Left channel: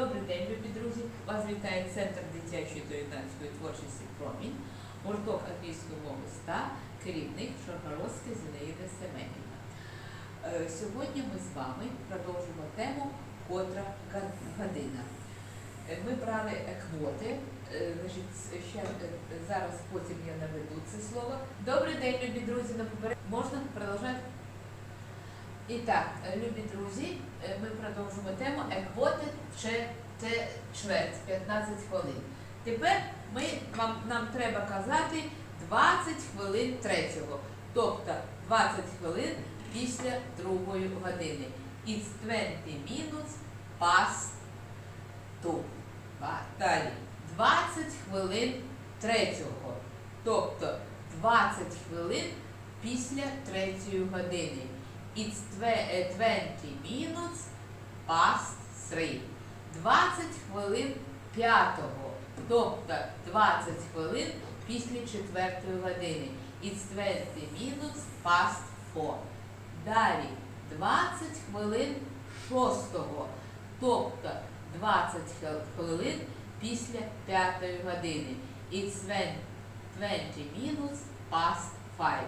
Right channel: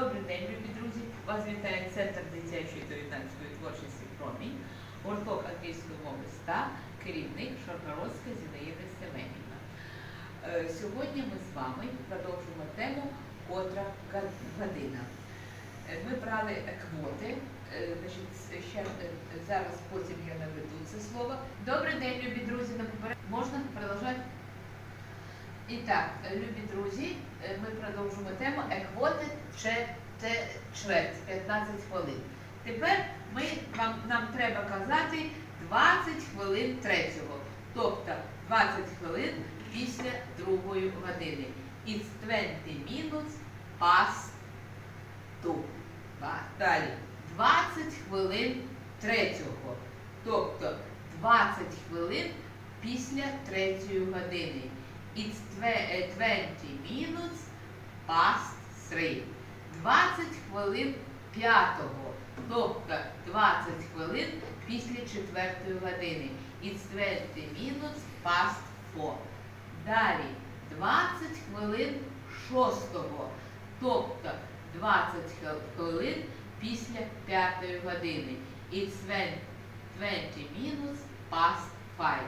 Добрий день, любі друзі! Вас вітає Центр дитячої та юнацької творчості Промінь, гурток англійської мови ста, керівник Шаргородська Зінаїда Семенівна. Е, Сьогодні ми з вами продовжимо тему котра година. Е, Ми брали квоти, е, ще зараз потім я наведу це слово. Добрий день, любі друзі, на поперед... І так, любі друзі, е, ми продовжуємо тему еквоти чверть 15 хвилин. Тепер ми вам нам треба казати 20 хвилин третього, тобто 20 хвилин після другої години. It's 20 minutes past two. Далі 20 хвилин третього, тобто 20 хвилин після третьої години. It's е, 20 minutes past three. 20 хвилин п'ятого, тобто 20 хвилин після четвертої години. It's 20 minutes past four. Далі 20 хвилин шостого, тобто 20 хвилин після п'ятої години. It's 20 20 minutes past five.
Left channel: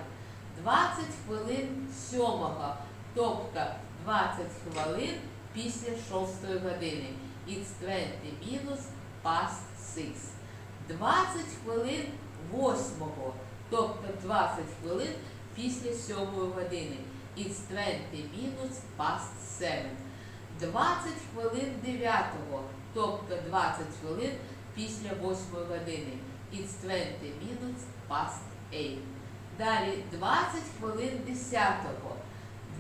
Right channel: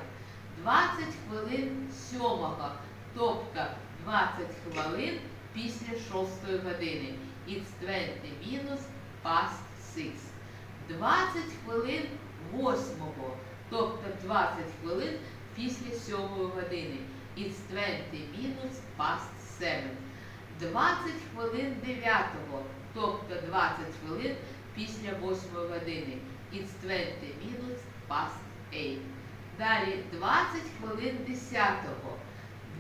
20 хвилин сьомого, тобто 20 хвилин після шостої години. It's 20 minutes past six. 20 хвилин восьмого, тобто 20 хвилин після сьомої години. It's 20 minutes past seven. 20 хвилин дев'ятого, тобто 20 хвилин після восьмої години. It's 20 minutes past eight. Далі 20 хвилин 10-го,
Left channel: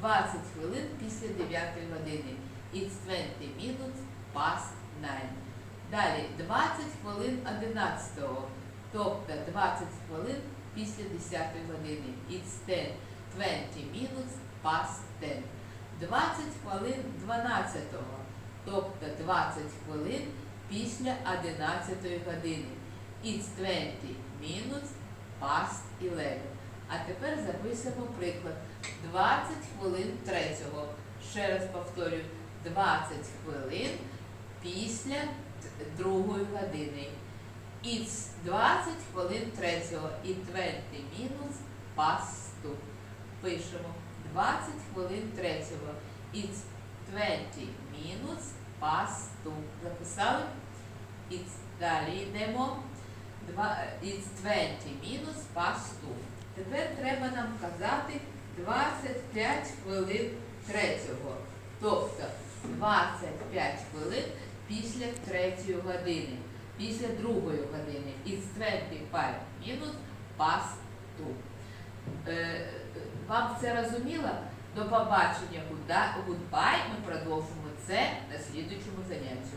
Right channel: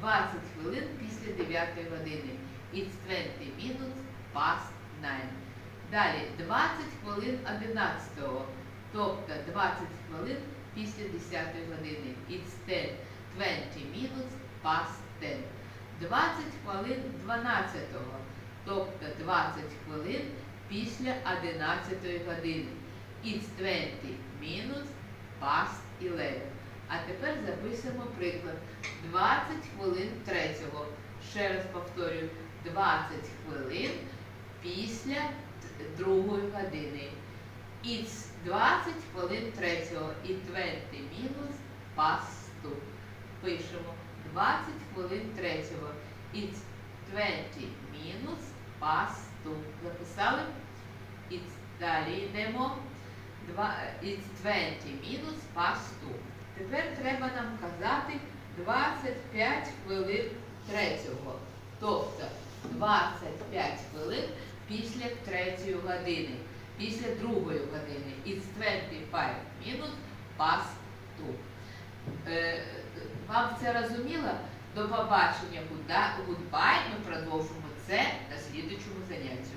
20 хвилин після 9 години. It's 20 minutes past 9. Далі 20 хвилин 11-го, тобто 20 хвилин після 10 години. It's 10, 20 minutes past 10. 20 хвилин 12-го, тобто 20 хвилин після 11 години. It's 20 minutes past 11. А тепер записуємо приклад. 20 хвилин третього. Ще раз повторюю, 20 хвилин після другої години. It's 20 хвилин третього і 20 minutes past two. Пишемо 20 хвилин третього. It's 20 minutes past two. Записали? It's, далі йдемо. It's 20 minutes past two. Тепер треба нам казати 25 хвилин третього. Тобто 25 хвилин після третьої години, після другої години. It's 25 minutes past two. Вам це розуміло? До побачення. Goodbye. Ми продовжимо це на слідучому занятті.